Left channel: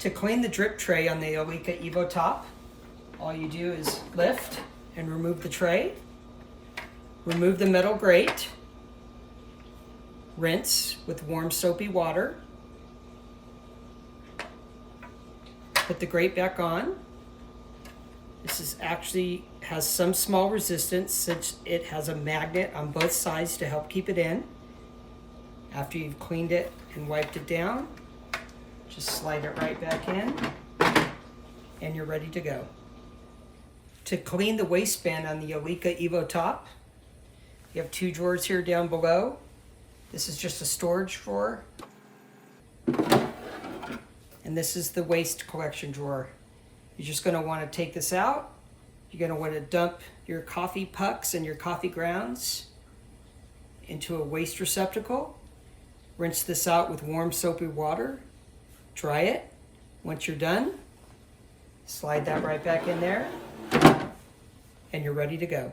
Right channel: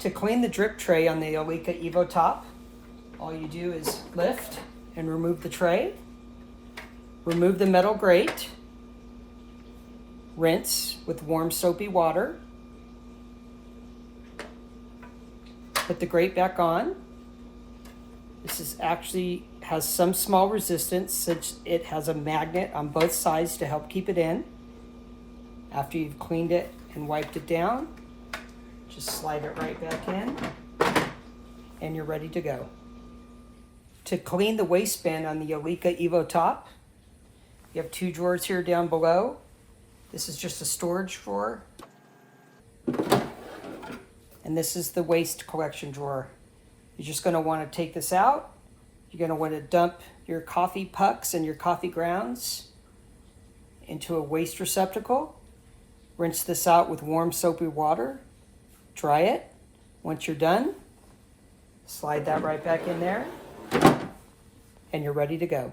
To clean the drip tray on the Aulika Evo top, all you do is lift and remove the tray, remove the metal grate, rinse with warm soapy water, put the grate back on. This is actually has some small resistance since it has a magnet on both sides to help keep it in. After you've cleaned it and wiped it down, just slide it right back in and you're ready to go. To clean the waistband on the Aulika Evo top, you have two drawers here down below. This is just a storage drawer. And this is the waste collection drawer. You're just going to want to take this out. You're going to want to dump your coffee pucks and your coffee grounds into a waste receptacle. Rinse this out with warm soapy water. Dry it. Once you're done, slide that right back in there and you're ready to go.